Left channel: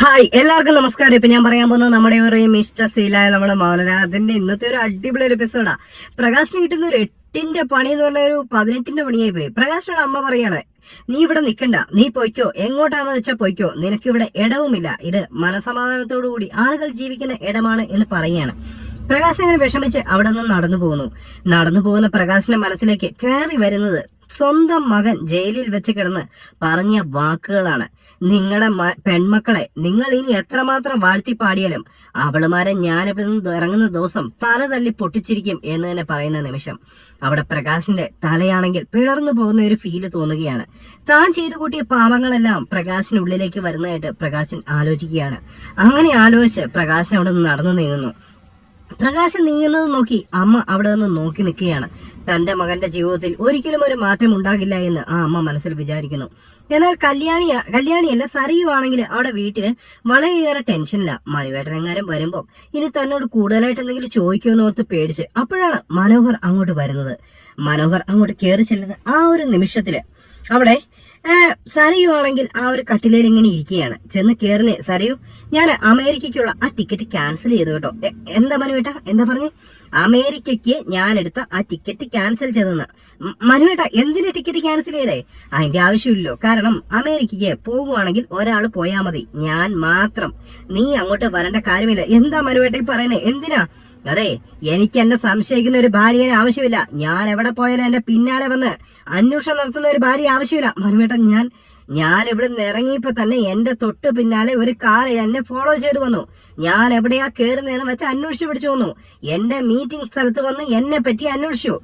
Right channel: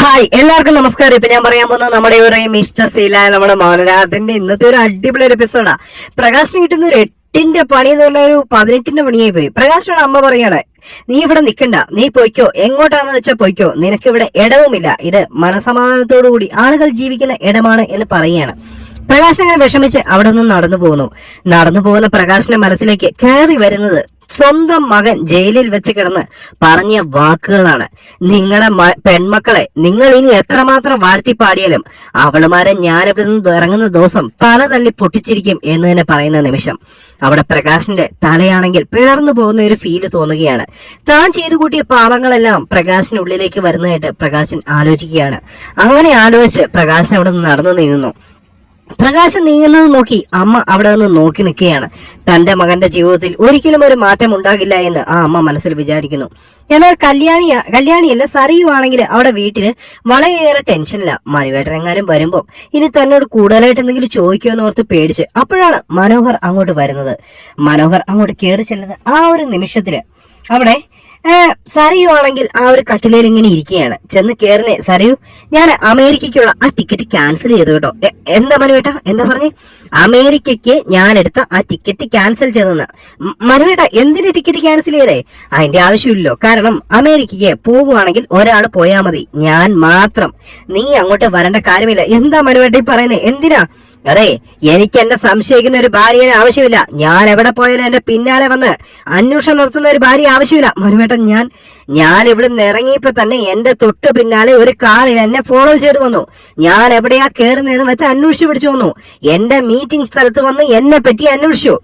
Hi എല്ലാവർക്കും നമസ്കാരം. ഇപ്പൊ ഞാൻ പറയാൻ പോകുന്നത് നമ്മുടെ ഇഷ്ടശീല നമ്മുടെ മൗനരാധന്റെ ഇന്നത്തെ ഒരു അടിപൊളി ഒരു എപ്പിസോഡാ. പ്രകാശിന് കിട്ടുന്ന ഒരു 8ന്റെ പണി എന്ന് പറഞ്ഞ ഒരു 18ന്റെ പണിയായി പോയി. പ്രകാശിനോട് അമ്മ പറയാണ്, നീ ഇവിടെ നിക്കണ്ട, നീ പൊയ്ക്കോ, എങ്ങോട്ടാന്ന് വെച്ചാൽ പൊയ്ക്കോ, നിനക്ക് ഇവിടെ ഇടവുമില്ല, ഇത് മനസമാധാനത്തോടു കൂടി ആളുകൾ ജീവിക്കുന്ന ഇടമാണ് എന്ന് പറയുകയാണ്. പ്രകാശ് അങ്ങനെ വിഷമിച്ച് അവിടെ നിന്ന് നടന്നു പോകുന്ന പ്രകാശിന്റെ മനസ്സിലേക്ക് കയറി വരുന്നത് സ്വന്തം മകൻ ജയിലിൽ വെച്ച് കിടന്ന് പറഞ്ഞ വാക്കുകളാണ്. നിങ്ങളുടെ പെൺമക്കളെ നിങ്ങൾ ഇനി എത്രമാത്രം വാഴ്ത്തിപ്പാടിയാലും അവളുമാരെ ഞാനിവിടെ നിന്ന് ഇറങ്ങുന്ന ദിവസം തല തല്ലി പൊട്ടിച്ചിരിക്കും എന്ന് തന്നെ പറയുന്ന നിമിഷം അവിടെ പ്രകാശിന്റെ തലയാണെങ്കിൽ പിളർന്നു പോകുന്ന ഒരു ഫീല് തോന്നുകയാണ്. താൻ ചെയ്തു കൂട്ടിയ പാപങ്ങളെല്ലാം പ്രകാശിനുള്ളിലേക്ക് വരുന്നതായിട്ട് പ്രകാശൻ ആലോചിക്കുകയാണ്. അങ്ങനെ ആലോചിച്ച് പ്രകാശൻ അവിടെ നിന്ന് നടന്നു നീങ്ങുന്നു. പ്രകാശം നീങ്ങുന്നത് നോക്കി അമ്മ അവിടെ നിന്ന് നോക്കി നിൽക്കുകയാണ്. തന്റെ മകന്റെ ജീവിതത്തിൽ ഒരിക്കലും ഒരു മാറ്റം ഉണ്ടാകില്ല എന്ന് ആ അമ്മ മനസ്സിൽ വിചാരിക്കുന്നു. എന്നാൽ കല്യാണിയല്ല സറിയുവാണെങ്കിൽ അവിടെ വീട്ടില് വളരെയേറെ ടെൻഷനില്ല. മനുവേട്ടനെങ്ങാനും വരുമ്പോ ഇനി തന്നോട് കൂടുതലായിട്ട് എന്തെങ്കിലും ചോദിക്കുമെന്ന് ഓർത്ത് പേടിച്ച് അപ്പോഴാണ് മനോഹർ അങ്ങോട്ട് വരുന്നത്. മനോഹർ അങ്ങോട്ട് കയറി ചെല്ലുന്നത് ആ ഒരു നിമിഷത്തില് അവിടെ സരയു ആണെങ്കിൽ ആ ഒരു കട്ടിലേൽ ഇങ്ങനെ ഇരിക്കുകയാണ്. ചെന്ന് കയറുന്നേ, സരയു ഞാൻ അമേരിക്കയ്ക്കുള്ള ആ ടിക്കറ്റ് ക്യാൻസൽ ചെയ്തു കേട്ടോ. എന്താ മനുവേട്ട, എന്താ പറഞ്ഞേ? അമേരിക്കയ്ക്ക് ഞാൻ എടുത്ത ആ ടിക്കറ്റ് ക്യാൻസൽ ചെയ്തെന്ന്. മനുവേട്ട എന്തിന്റെ ടിക്കറ്റ് ക്യാൻസൽ ചെയ്തേ? അതിന്റെ ആവശ്യമില്ലല്ലോ, കാരണം അമേരിക്കയ്ക്ക് പോകുവാണെങ്കിൽ ഒരാൾ പോയാൽ മതി, ഞാൻ മാത്രം, നീ അങ്ങോട്ട് വരേണ്ട കാര്യമില്ല. എന്താ മനുവേട്ട ഈ പറയുന്നേ? എന്തിനാ? അതെ, എനിക്ക് എന്നെ സംശയിക്കുന്ന ഒരു ഭാര്യനെ ആവശ്യമില്ല. ഞാൻ എവിടെ പോയാലും എന്റെ പിന്നാലെ വന്ന് അന്വേഷണം നടത്തുന്ന ഒരു ഭാര്യ ആവശ്യമില്ല. മനുവേട്ടൻ ഞാൻ ഇവിടെ നിന്ന് ഇറങ്ങിയപ്പോ തന്നെ എന്റെ തൊട്ട് പിന്നാലെ ഒരു കാർ എന്നെ ഫോളോ ചെയ്ത് വന്നു. ഞാൻ എവിടെയാ കയറുന്നതെന്ന് വെച്ചാൽ അന്വേഷിച്ചു പിടിച്ചു വന്നു. എന്റെ മീറ്റിംഗ് സ്ഥലത്ത് വന്ന് എന്നെ പറ്റി അന്വേഷിച്ചു.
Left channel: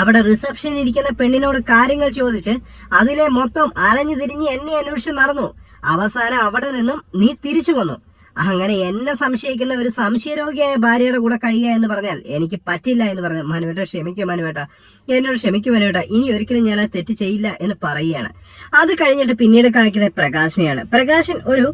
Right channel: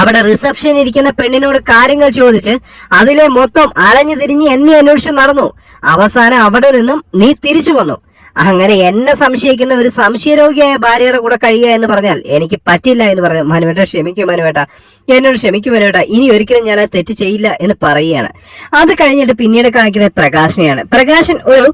അവിടെ റിസപ്ഷൻ ഇരിക്കുന്ന പെണ്ണിനോട് കാര്യങ്ങൾ ചോദിച്ച് അതിലെ മൊത്തം അലഞ്ഞു തിരിഞ്ഞ് എന്നെ അന്വേഷിച്ച് നടന്നു. അവസാനം അവിടെ നിന്നും നീ തിരിച്ചു വന്നു. അങ്ങനെ എന്നെ സംശയിക്കുന്ന ഒരു സംശയരോഗിയായ ഭാര്യയുടെ കൂടെ കഴിയുക എന്ന് പറഞ്ഞാൽ എനിക്ക് പറ്റില്ല എന്ന് പറഞ്ഞു. മനുവേട്ട ക്ഷമിക്കും മനുവേട്ട, എന്നോട് ക്ഷമിക്കും മനുവേട്ട, ഇനി ഒരിക്കലും ഞാൻ തെറ്റ് ചെയ്യില്ല എന്ന് പറയുകയാണ്. അത് കഴിഞ്ഞിട്ട് പിന്നീട് കാണിക്കുന്നത് പ്രകാശനെയാണ്. പ്രകാശൻ ഒരു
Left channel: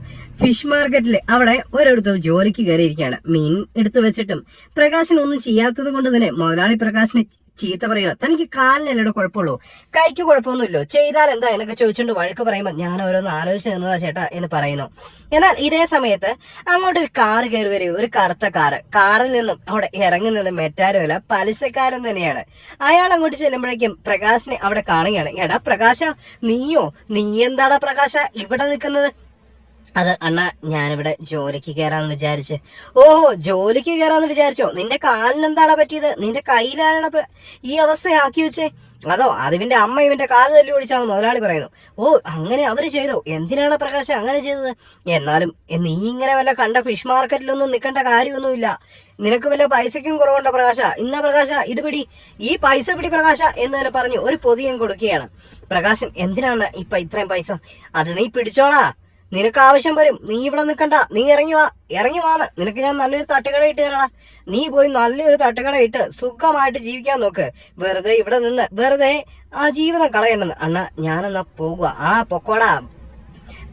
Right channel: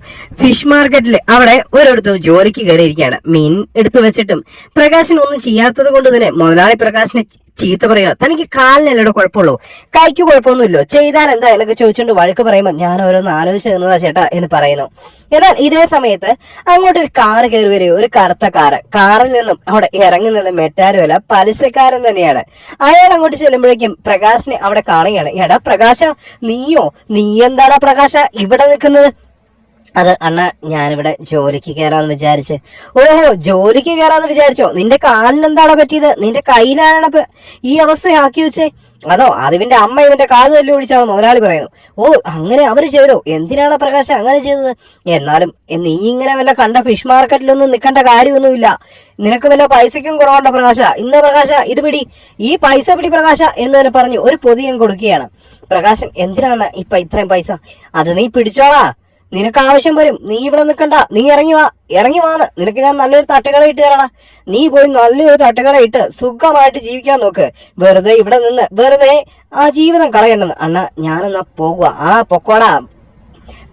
ഫിഷ് മാർക്കറ്റിൽ അവിടെ ഒരിടത്ത് ജോലിക്ക് കയറിയിരിക്കുകയാണ്. മീൻ എടുത്തു വെച്ചിട്ടും പ്രകാശൻ ഒന്നും ചെയ്യാത്തത് കൊണ്ട് തന്നെ മുതലാളി പ്രകാശനെ ചീത്ത പറയുക. തനിക്ക് കാലിനല്ലോ കുഴപ്പമുള്ളൂ, കൈക്ക് കുഴപ്പമൊന്നുമില്ലോ, ചെയ്താൽ എന്താ എന്നൊക്കെ ചോദിച്ചുകൊണ്ട് വഴക്ക് പറയുമ്പോൾ ഞാൻ ഓരോന്ന് ആലോചിച്ച് നിന്നതാ ചേട്ടാ എന്ന് പറയുന്നു. എന്നാൽ ഇതേ സമയത്ത് അങ്ങോട്ട് ഒരു കാറ് കയറി വരിക, ഒരു കറുത്ത കാറിൽ നിന്നും അവിടെ ഇറങ്ങുന്നത് മറ്റാരുമല്ല, പലിശക്കാരൻ തന്നെയാണ്. അയാൾ അങ്ങോട്ട് ചെല്ലുമ്പോഴേക്കും പ്രകാശിനെ അവിടെ കാണുകയാണ്. എടാ പ്രകാശ, നീയോ? നീ എന്താടാ പ്രകാശ ഇവിടെ നിൽക്കുന്നത്? അത് അണ്ണ, ഞാനിവിടെ ജോലിക്ക് കയറാന്ന് വിചാരിച്ച്. ഓഹോ, ജോലിക്ക് കയറാന്ന് വിചാരിച്ചോ? നിന്റെ കാലിന് എന്താടാ പറ്റിയത്? നിന്റെ കയ്യിലാണ് ഈ അവസ്ഥയാക്കി വെച്ചേ? അതോ അതിന്റെ അമ്മ ഇവന്റെ കാല് തല്ലി ഓടിച്ചാന്ന് മുതലാളി പറയുന്നു. ഓ, അങ്ങനെ അവര് ചെയ്തോ? എന്തിനാണ് പ്രകാശം അങ്ങനെ ചെയ്തത്? എന്നാലും നീ ഇങ്ങനെ വല്ല കണ്ട ഫിഷ് മാർക്കറ്റിലൊന്നും നിൽക്കേണ്ട കാര്യമൊന്നുമില്ല. നിനക്ക് വല്ല പൈസയ്ക്കും കുറവുണ്ടോ പ്രകാശ? ഇന്ന പ്രകാശ ഇത് പിടി, ഈ പൈസ പിടി പ്രകാശ എന്ന് പറഞ്ഞു ഒരു പൊതിയും കൊടുക്കുകയാണ്. പ്രകാശൻ, എന്തിനാണ് ഇപ്പൊ ഇത്രയും പൈസ? അത് നീ പിടിച്ചോളാ, നിനക്ക് ആവശ്യം വരും, നീ ഇവിടെ നിൽക്കണ്ട, നീ ഇറങ്ങി വാന്ന്, നിനക്ക് ഞാൻ നല്ലൊരു തട്ടുകട ഇട്ട് തരണ, നീ പോയി നല്ലൊരു തട്ടുകട ഇട്ട് സുഖമായിട്ട് ജീവിക്കാൻ നോക്ക്, വെറുതെ ഇവിടെ നിന്ന് വെറുതെ ആ ജീവിതം കളയണ്ടെന്ന്. അണ്ണ ഞാനെന്നാ പോകുക. ആ പൊക്കോടാ,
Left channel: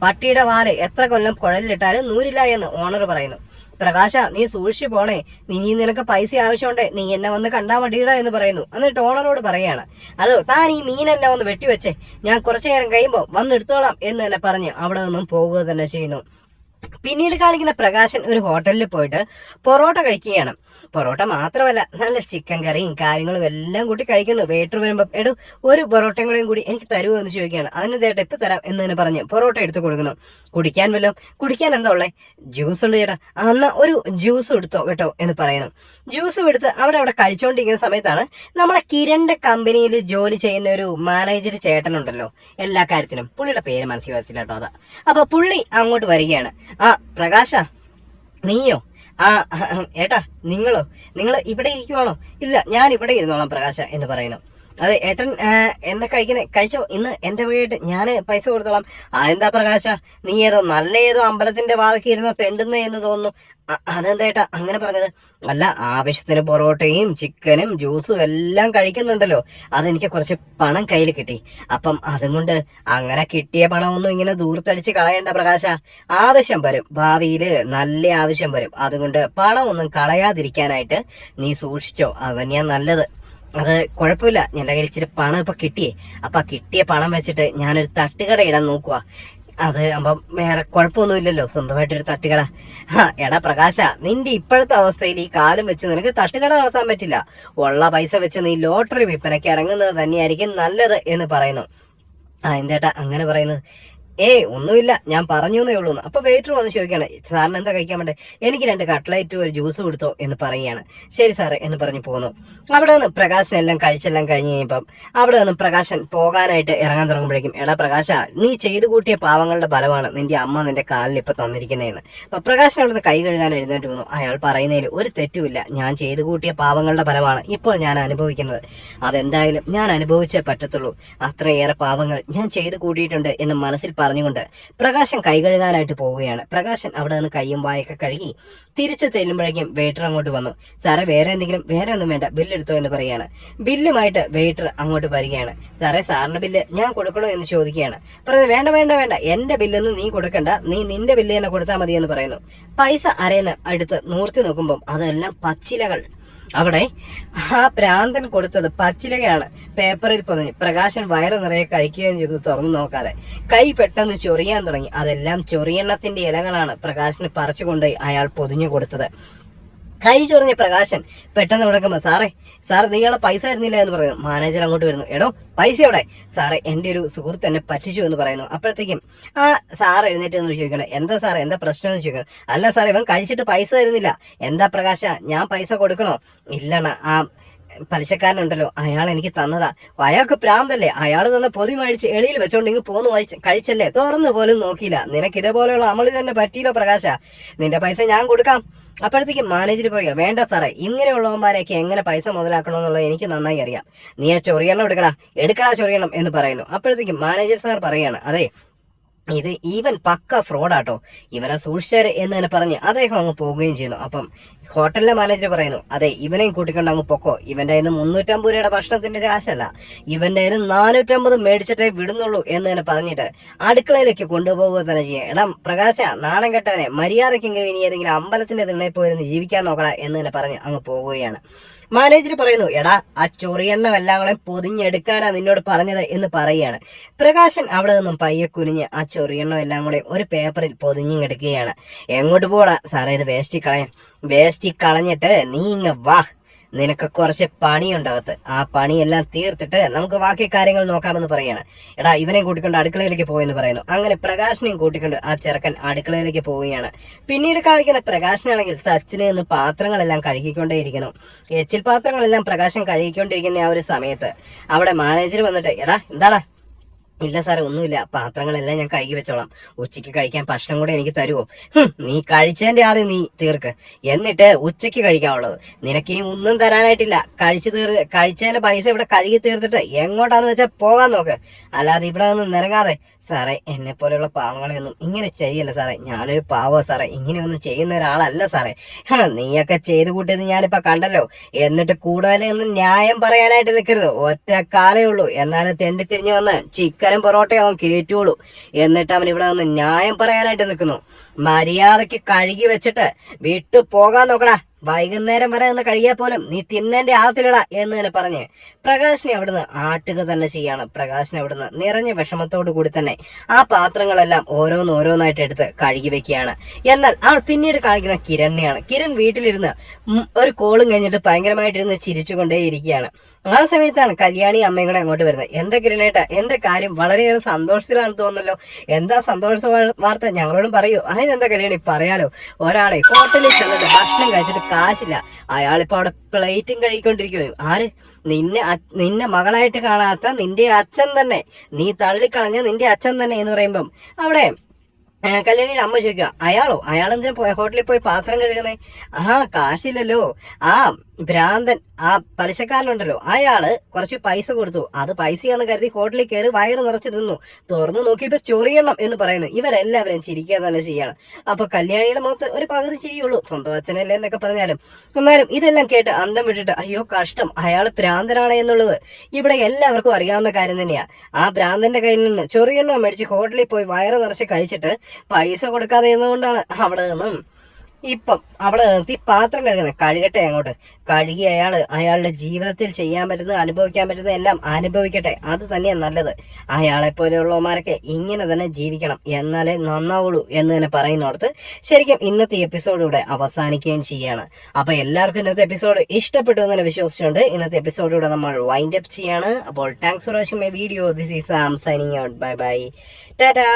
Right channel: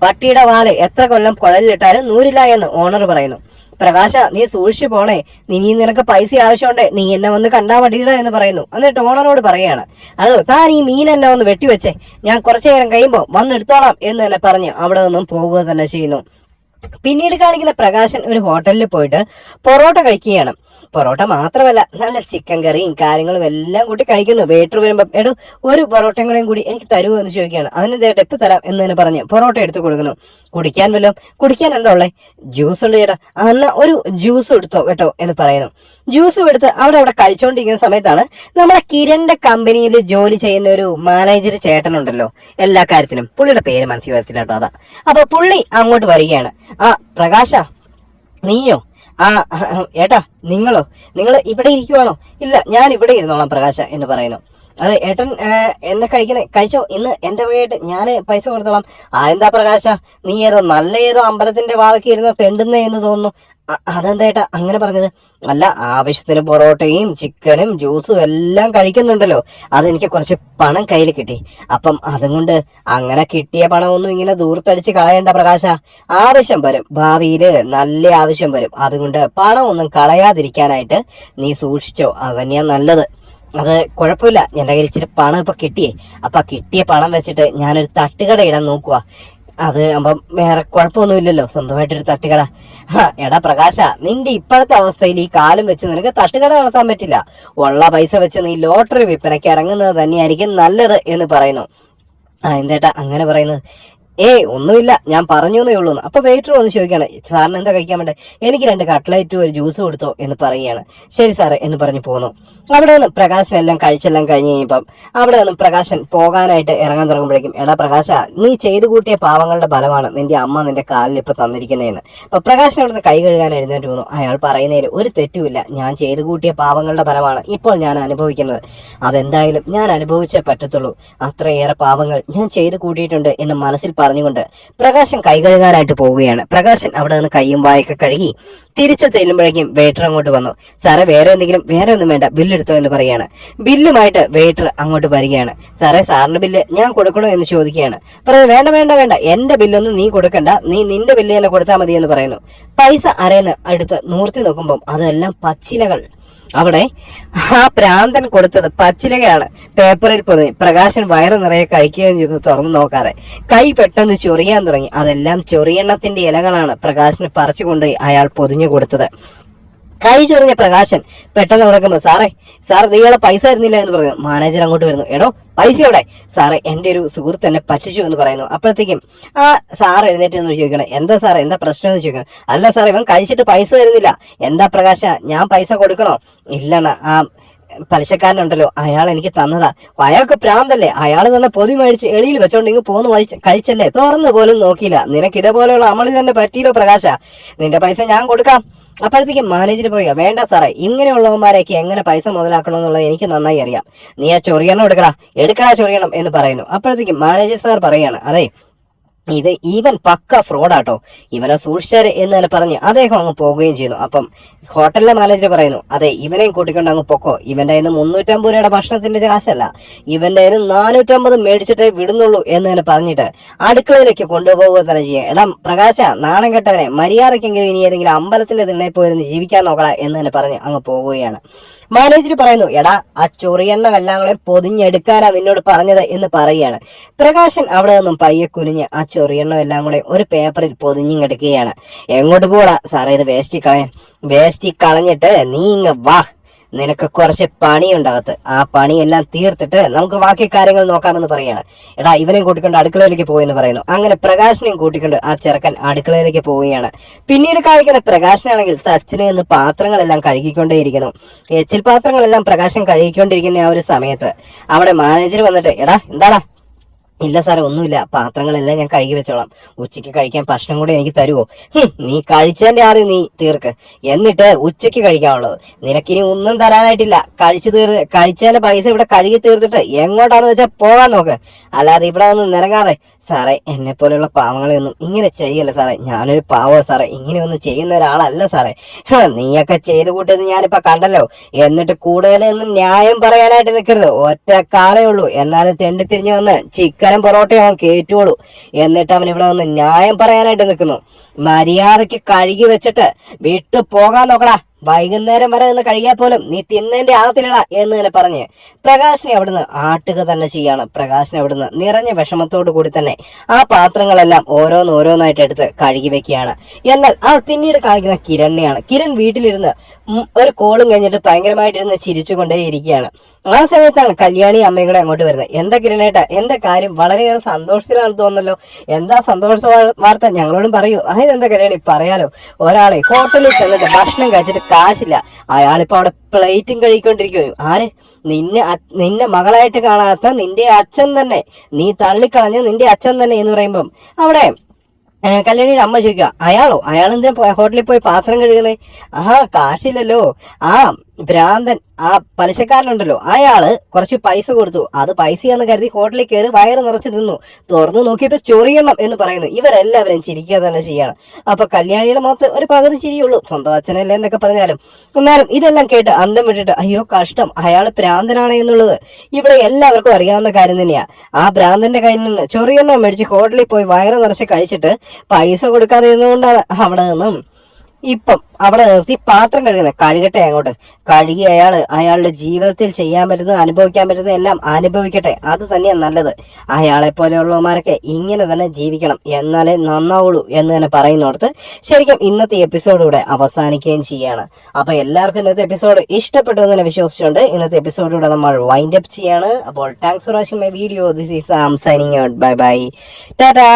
പട്ടിയുടെ വാല് എത്ര കൊല്ലം കുഴലിലിട്ടാലും നൂരില്ല എന്ന് ഓണർ പറയുന്നു. പ്രകാശ, നീ സൂക്ഷിച്ചു പോണേ, നിനക്ക് പൈസ ആവശ്യമുണ്ടേ, നീ എന്നെ വന്ന് കണ്ടാ മതിയില്ല എന്ന് പറയുന്നു. എന്നിട്ട് ഓണറോട് പറയാണ്, അത് താൻ ഈ മീൻ എന്നെ ഒന്ന് വെട്ടിവെച്ചേ, ഞാൻ കുറച്ചു നേരം കഴിയുമ്പോൾ വന്നെടുത്തോളാം എന്ന് തന്നെ പറഞ്ഞ് അവിടെ നിന്നും പോകുക തന്നെ ചെയ്യുന്നു. പിന്നീട് കാണിക്കുന്ന പ്രകാശൻ ഒരു ഹോട്ടലിൽ പോയിട്ട് പൊറോട്ട കഴിക്കുകയാണ്. പൊറോട്ട മാത്രമല്ല, നല്ല ചിക്കൻ കറിയും കാര്യങ്ങളും എല്ലാം കൂട്ടി കഴിക്കുന്നു. വെയിറ്റർ വരുമ്പോ, എടോ ഒരു പൊറോട്ടയും കൂടെയും കൂടി എനിക്ക് തരുമോ എന്ന് ചോദിക്കുകയാണ്. അതിന് ചേട്ടാ ഇപ്പൊ തരാം എന്ന് തന്നെ പറഞ്ഞ് പൊറോട്ട എടുത്ത് കൊടുക്കുന്നു. കുടിക്കാൻ എന്താ ഉള്ളേ? ജ്യൂസ് ഉണ്ട് ചേട്ടാ. എന്നാ ഒരു ജ്യൂസ് എടുത്തോ കേട്ടോ എന്ന് പറയുന്നു. ജ്യൂസും എടുത്ത് അവിടെ കഴിച്ചോണ്ടിരിക്കുന്ന സമയത്താണ് നമ്മുടെ കിരണിന്റെ കമ്പനിയിൽ ജോലി ചെയ്യുന്ന ഒരു മാനേജർ ചേട്ടനുണ്ടല്ലോ, എല്ലാ കാര്യത്തിനും, പുള്ളിയുടെ പേര് മനസ്സിൽ വരത്തില്ല കേട്ടോ. അതാ. അപ്പൊ പുള്ളി അങ്ങോട്ട് വരികയാണ്. ആ പ്രകാശ, നീയോ? ആ ഏട്ടാ, നിങ്ങൾ ഇവിടെ ഇരിക്കുവാണോ? ഇല്ല, ഞാൻ ഇവിടെ ഇരുന്നോളാം പ്രകാശ എന്ന് പറയുന്നു. അതെ ഏട്ടൻ എന്താ കഴിച്ചോ, ഇന്ന് എന്റെ വഴിയായിട്ട് ഞാൻ പൈസ കൊടുത്തോളാം. എന്താ പ്രകാശ, നീ നല്ല ഏതോ അമ്പലത്തിന്റെ വാതൊക്കെ ഇരുന്ന് തെണ്ടുന്നേ എന്ന് തോന്നുന്നു. അതെന്തേട്ടാ അങ്ങനെ പറഞ്ഞത്? അല്ല, ആവശ്യത്തിന് പൊറോട്ടയും ചിക്കനും ജ്യൂസും എല്ലാം കഴിക്കുന്നുണ്ടല്ലോ, അതെനിക്ക് കുറച്ച് പണം കയ്യിൽ കിട്ടി. അപ്പം അതുകൊണ്ട് അങ്ങനെ കിട്ടിയ പണമൊന്നും ഇങ്ങനെ ദൂർത്തടിച്ച് കളയണ്ട പ്രകാശ, ആവശ്യം വരും, ഭാവിയില് നല്ല ആവശ്യം വരും. അതുകൊണ്ട് പണമൊന്നും കളയാതിരിക്കാനായിട്ട് നീ സൂക്ഷിച്ചോ, അത് തന്നെയാ നല്ലത്. അത് കുഴപ്പമില്ല, എന്റെ കയ്യിൽ ഇച്ചിരി പണം ഇപ്പൊ കിട്ടിയേ. അപ്പൊ കിട്ടിയ പണം വെച്ചിട്ട് ഞാനൊരു തട്ടുകട ഇടാൻ നോക്കുക. അത് അപ്പം വേറെ കുഴപ്പമൊന്നുമില്ലല്ലോ, സ്വന്തമായിട്ടൊരു തട്ടുകട. എടാ പ്രകാശ, നിന്റെ ഇപ്പോഴത്തെ അവസ്ഥയിൽ ഈ കാലം വെച്ച് നിനക്ക് തട്ടുകട നടത്താൻ പറ്റില്ല. ഉള്ള പൈസ വെച്ച് നീ ലോട്ടറി വിൽപ്പനയ്ക്ക് ഇറങ്ങുന്നത് തന്നെയായിരിക്കും നല്ലത് എന്ന് പറയുന്നു. എന്തേട്ടാ അങ്ങനെ പറയുന്നത്? ഒന്നുമില്ല, ഞാൻ പറഞ്ഞു എന്നേ ഉള്ളൂ. അപ്പൊ വെയിറ്റർ വന്ന് ചോദിക്കാണ്, സാറിന് എന്താ കഴിക്കാൻ വേണ്ടേ? എനിക്ക് 2 കട്ട്ലൈറ്റും ഒരു ജ്യൂസ് കൊടുത്തോ എന്ന് പറയുകയാണ്. ശരി സാറേ എന്ന് പറഞ്ഞു പോകുന്നു. അവിടെ നിന്ന് പ്രകാശൻ എല്ലാം കഴിച്ചെല്ലാം കഴിഞ്ഞ് കഴിഞ്ഞപ്പം അവിടെ നിന്നും പ്രകാശൻ പോകാനായിട്ട് ഇറങ്ങാൻ തുടങ്ങുമ്പോഴേക്കും, എടാ പ്രകാശ, നീ ചെയ്തു കൂട്ടിയ പാവങ്ങളുടെ ഫലമാണ് നിന്റെ അമ്മ നിന്റെ കാലിൽ ഇപ്പൊ തന്നിരിക്കുന്നതെന്ന്. അപ്പൊ പ്രകാശൻ അവിടുന്ന് കൈ കഴുകാൻ എഴുന്നേറ്റ് പോകുന്നു. അയാൾ പറയുന്നതിൽ ഒരു തെറ്റുമില്ല. ഞാൻ ചെയ്തു കൂട്ടിയ പാവങ്ങളുടെ ഫലമാണ് ഇപ്പോൾ ഞാൻ അനുഭവിക്കുന്നത്. അതെന്തായാലും ഞാൻ അനുഭവിച്ചേ പറ്റത്തുള്ളൂ. അത്രയേറെ പാവങ്ങൾ ഞാൻ ചെയ്തു കൂട്ടിയിട്ടുണ്ട് എന്ന് മനസ്സിൽ പറഞ്ഞുകൊണ്ട് പ്രകാശൻ കൈ കഴുകാനായിട്ട് പോവുകയാണ്. പ്രകാശൻ അവിടെ നിന്ന് കൈയും വായൊക്കെ കഴുകി തിരിച്ചു ചെല്ലുമ്പോഴേക്കും വെയിറ്റർ അങ്ങോട്ട് വന്നു. സാറേ വേറെ ഒന്നും വേണ്ട, ബില്ലെടുത്തോ എന്ന് പറയാണ്. ബില്ലുമായിട്ട് വെയിറ്റർ അങ്ങോട്ട് വരികയാണ്. സാറേ സാറിന്റെ ബില്ല് ഞാൻ കൊടുക്കണോ എന്ന് ചോദിക്കുകയാണ്. വേണ്ട വേണ്ട വേണ്ട, എന്റെ ബില്ലൊന്നും നീ കൊടുക്കണ്ട, നീ നിന്റെ ബില്ല് തന്നെ കൊടുത്താൽ മതി എന്ന് പറയുന്നു. പൈസ അരേന്ന് അടുത്ത് നൂർത്തി നോക്കുമ്പോൾ അതെല്ലാം പച്ചിലകൾ. അവിടെ ആ പ്രാന്തൻ കൊടുത്തത് പച്ചിലകയാണ്. പേപ്പറിൽ പൊതിഞ്ഞ് പ്രകാശൻ വയറ് നിറയെ കഴിക്കുകയും ചെയ്തു. തുറന്നു നോക്കാതെ കൈ പെട്ടെന്ന് ചൊറിയാൻ തുടങ്ങി. അതെല്ലാം ചൊറിയെണ്ണത്തിന്റെ ഇലകളാണ് പ്രകാശന് പറിച്ചുകൊണ്ടുപോയി അയാൾ പൊതിഞ്ഞു കൊടുത്തത്. കൈ ചൊറിഞ്ഞ പ്രകാശൻ പെട്ടെന്ന് നടക്കുമ്പോൾ, സാർ നിങ്ങളെ പൈസ തരുന്നില്ല എന്ന് പറയുന്നു. മാനേജർ അങ്ങോട്ട് വരുന്നു. എടോ പൈസ എവിടെ? സാറേ എന്റെ ഒരു സുഹൃത്ത് എന്നെ പറ്റിച്ചു എന്ന് പറയുന്നു. അപ്പോഴത്തേക്കും സാർ എഴുന്നേറ്റ് എന്ന് ചോദിക്കണം, എന്താ സാറേ എന്താ പ്രശ്നം എന്ന് ചോദിക്കണം. അല്ല സാർ, ഇവൻ കഴിച്ചിട്ട് പൈസ തരുന്നില്ല. എന്താ പ്രകാശ, ഞാൻ പൈസ കൊടുക്കണോ? ഇല്ലണ, ആ പലിശക്കാരനുണ്ടല്ലോ അയാൾ എനിക്ക് തന്നതാ. അയാൾക്ക് പ്രാന്തല്ലേ, അയാൾ തന്നെ പൊതി മേടിച്ച് എളിയിൽ വെച്ചോണ്ടെങ്കിൽ പോന്ന് കഴിച്ചല്ലേ, തുറന്നു പോലും നോക്കിയില്ല. നിനക്ക് ഇതേപോലെയുള്ള അമളി തന്നെ പറ്റിയില്ലോ പ്രകാശ, നിന്റെ പൈസ ഞാൻ കൊടുക്കാം. അപ്പോഴത്തേക്കും മാനേജർ പറയുക, വേണ്ട സാറേ, ഇങ്ങനെയുള്ളവന്മാരെയൊക്കെ എങ്ങനെ പൈസ മുതലാക്കണം എന്നുള്ളത് എനിക്ക് നന്നായി അറിയാം. നീ ആ ചൊറിയണം എടുക്കടാ ചൊറിയണം എന്ന് പറയുന്നു. അപ്പോഴത്തേക്കും മാനേജർ സാർ പറയാണ്, അതെ ഇത് ഈവൻ പക്ക ഫ്രോഡാട്ടോ, ഇവനെ സൂക്ഷിച്ചാര് എന്ന് തന്നെ പറഞ്ഞ് അദ്ദേഹം അങ്ങ് പോവുകയും ചെയ്തു. അപ്പം ഹോട്ടലിലെ മാനേജർ പറയുന്നു, അതെ ഇവനെയും കൂട്ടിക്കൊണ്ട് അങ്ങ് പൊക്കോ. ഇവന്റെ കയ്യിൽ 350 രൂപയുടെ ഭക്ഷണത്തിന്റെ കാശല്ല, ഇവന്റെ കയ്യിൽ 450 മേടിച്ചിട്ടേ വിടുന്നുള്ളൂ എന്ന് തന്നെ പറഞ്ഞിട്ട് അടുക്കളയിലേക്ക് കൊണ്ടുപോകുക തന്നെ ചെയ്യാം. എടാ പ്രകാശ, നാണം കെട്ടവനെ, മര്യാദക്കെങ്കിലും ഇനി ഏതെങ്കിലും അമ്പലത്തിന്റെ തിണ്ണയിൽ പോയിരുന്ന് ജീവിക്കാൻ നോക്കടാ എന്ന് തന്നെ പറഞ്ഞ് അങ്ങ് പോവുകയാണ്. മാനേജർ പറയുന്നു, എടാ ആ ചൊറിയെണ്ണം എല്ലാം കൂടെ പൊതിഞ്ഞെടുക്കാനാ നിന്നോട് പറഞ്ഞത് എന്ന് പറയുകയാണ്. പ്രകാശൻ അവിടെ നിന്നും പയ്യെ കുനിഞ്ഞ് ആ ചൊറിയെണ്ണം എല്ലാം കൂടെ ഒരു പേപ്പറിൽ പൊതിഞ്ഞെടുക്കുകയാണ്. എങ്ങോട്ട് പോടാ? സാറേ ഇത് വേസ്റ്റ് കളഞ്ഞിട്ട് നീ ഇങ്ങ് വാ, നിനക്ക് കുറച്ച് പണിയുണ്ടാകത്ത്. ആ പണിയെല്ലാം തീർത്തിട്ട് നമുക്ക് ബാക്കി കാര്യങ്ങൾ നോക്കാമെന്ന് പറയാണ്. എടാ ഇവനെ കൂട്ടിക്കൊണ്ട് അടുക്കളയിലേക്ക് പോയെന്ന് പറയുന്നു. അങ്ങനെ പ്രകാശനെയും കൂട്ടിക്കൊണ്ട് ആ ചെറുക്കൻ അടുക്കളയിലേക്ക് പോവുകയാണ്. പിന്നീട് കാണിക്കുന്ന പ്രകാശനാണെങ്കിൽ തച്ചനെ നിന്ന് പാത്രങ്ങളെല്ലാം കഴുകിക്കൊണ്ടേയിരിക്കുന്നു. എച്ചിൽ പാത്രങ്ങളെല്ലാം പ്രകാശൻ കഴുകിക്കൊണ്ടിരിക്കുന്ന ആ ഒരു സമയത്ത് അവിടെ മാനേജർ വന്നിട്ട്, എടാ എന്താടാ? ഇല്ല സാറേ ഒന്നുമില്ല, പാത്രങ്ങളെല്ലാം ഞാൻ കഴുകി വെച്ചോളാം, ഉച്ചയ്ക്ക് കഴിക്കാൻ ഭക്ഷണം കൂടെ എനിക്ക് തരുമോ? നീ കഴിച്ചതിന്റെ ആദ്യം നീ തീർക്ക്, എന്നിട്ട് ഉച്ചയ്ക്ക് കഴിക്കാനുള്ളത്. നിനക്കിനി ഒന്നും തരാനായിട്ടില്ല. കഴിച്ചതിന്റെ പൈസ ഇവിടെ കഴുകി തീർത്തിട്ട് എങ്ങോട്ടാന്ന് വെച്ചാൽ പോകാൻ നോക്ക്, അല്ലാതെ ഇവിടെ ഒന്നും നിരങ്ങാതെ. സാറേ എന്നെ പോലെയുള്ള പാവങ്ങളെയൊന്നും ഇങ്ങനെ ചെയ്യല്ല സാറേ, ഞാനൊരു പാവോ സാറേ, ഇങ്ങനെയൊന്നും ചെയ്യുന്ന ഒരാളല്ല സാറേ. നീയൊക്കെ ചെയ്ത് കൂട്ടിയത് ഞാനിപ്പോ കണ്ടല്ലോ. എന്നിട്ട് കൂടുതലൊന്നും ന്യായം പറയാനായിട്ട് നിൽക്കരുത്, ഒറ്റ കാലേ ഉള്ളൂ. എന്നാലും തെണ്ടിത്തിരിഞ്ഞ് വന്ന് ചിക്കനും പൊറോട്ടയും അവൻ കേറ്റുള്ളൂ. എന്നിട്ട് അവൻ ഇവിടെ വന്ന് ന്യായം പറയാനായിട്ട് നിൽക്കുന്നു. മര്യാദയ്ക്ക് കഴുകി വെച്ചിട്ട് വിട്ടു പോകാൻ നോക്കടാ. വൈകുന്നേരം വരെ ഒന്ന് കഴിയാ പോലും നീ തിന്നേന്റെ ആത്തിലിട എന്ന് തന്നെ പറഞ്ഞ് പ്രകാശിനെ അവിടുന്ന് ആട്ടുക തന്നെ ചെയ്യാണ്. പ്രകാശിനെ അവിടുന്ന് നിറഞ്ഞ വിഷമത്തോടു കൂടി തന്നെ ആ പാത്രങ്ങളെല്ലാം ഓരോന്നായിട്ട് എടുത്ത് കഴുകി വെക്കുകയാണ്. എന്നാൽ പിന്നീട് കാണിക്കുന്ന കിരണിനെയാണ്. കിരൺ വീട്ടിലിരുന്ന് ഒരു കോളും കഴിഞ്ഞിട്ട് ഭയങ്കരമായിട്ടിരുന്ന് ചിരിച്ചുകൊണ്ടേ ഇരിക്കുകയാണ്. ആ സമയത്താണ് കല്യാണി അമ്മയും കൂടെ അങ്ങോട്ട് വരുന്നത്. എന്താ കിരണേട്ട, എന്താ കാര്യം? വളരെയേറെ സന്തോഷത്തിലാണ് തോന്നുന്നല്ലോ. എന്താ സന്തോഷ വാർത്ത? ഞങ്ങളോടും പറയൂ. അതിനെന്താ കല്യാണി, പറയാലോ. ഒരാളെ ഹോട്ടലിൽ ചെന്നിട്ട് ഭക്ഷണം കഴിച്ചിട്ട് കാശില്ല, അയാളിപ്പോ അവിടെ പ്ലേറ്റും കഴിക്കൊണ്ടിരിക്കുകയും. ആര്? നിന്നെ മകളായിട്ട് കാണാത്ത നിന്റെ അച്ഛൻ തന്നെ, നീ തള്ളിക്കളഞ്ഞ നിന്റെ അച്ഛൻ തന്നെ എന്ന് പറയുമ്പം അവിടെ കല്യാണിയുടെ അമ്മ ചോദിക്കുക, അയാളെന്തിനാ ഹോട്ടലിൽ പോയി പാത്രം കഴുകുന്നേ? കാശില്ലല്ലോ. ഭ്രാന്തൻ ആ പലിശക്കാരനുണ്ടല്ലോ, അയാള് കുറച്ച് പൈസ കൊടുത്തു, അത് പൈസയാന്ന് കരുതി ഹോട്ടലിൽ കയറി വയറ് നിറച്ചു തിന്നു. തുറന്നു നോക്കിയപ്പോ ചൊറിയണം എന്ന് പറയുന്നു. ഇവരെല്ലാവരും ചിരിക്കുക തന്നെ ചെയ്യാണ്. അപ്പൊ കല്യാണിയുടെ മുഖത്ത് ഒരു പകുതി ചിരിയുള്ളൂ, സ്വന്തം അച്ഛനല്ലേ എന്നൊക്കെ പറഞ്ഞാലും. എന്നാലും ഇതെല്ലാം കേട്ട് അന്തം വിട്ടിട്ട്, അയ്യോ കഷ്ടം, അയാൾ ഭ്രാന്തനാണ് എന്നുള്ളത് ഇവിടെ എല്ലാവർക്കും അറിയാവുന്ന കാര്യം തന്നെയാ. ആ ഭ്രാന്തന്റെ കയ്യിൽ നിന്ന് ചൊറിയണം മേടിച്ച് ഹോട്ടലിൽ പോയി വയറ് നിറച്ച് കഴിച്ചിട്ട് പൈസ കൊടുക്കാതെ ഇരുന്നുകൊണ്ടാണ് അവിടെ നിന്നും ഇപ്പം അവിടെ നിർത്തി പാത്രം കഴുകട്ടെ, അങ്ങോട്ട് കഴുകി അയാളുടെ ജീവിതത്തിൽ ചെയ്യാൻ പറ്റുന്നത് അനുഭവിക്കാൻ പറ്റുന്നത് എല്ലാം അനുഭവിക്കട്ടെ. അത് തന്നെയാണ് നല്ലത്. അയാളെ പോലെയുള്ളവന്മാരൊക്കെ ഇങ്ങനെ തന്നെ ജീവിക്കണം, എന്നാലേ നന്നാവുള്ളൂ എന്ന് തന്നെ പറയുന്നിടത്ത് ശരിക്കും ഇന്നത്തെ എപ്പിസോഡ് ഇവിടെ അവസാനിക്കുകയും ചെയ്യാണ്. അപ്പൊ എല്ലാവർക്കും ഇന്നത്തെ എപ്പിസോഡ് ഇഷ്ടപ്പെട്ടു എന്ന് തന്നെ വിശ്വസിച്ചുകൊണ്ട് ഇന്നത്തെ എപ്പിസോഡിലൂടെ നമ്മൾ വൈൻഡ് അപ്പ് ചെയ്യാണ്. അപ്പോൾ thanks for watching my video. This is Sam signing out. Bye bye, Tata.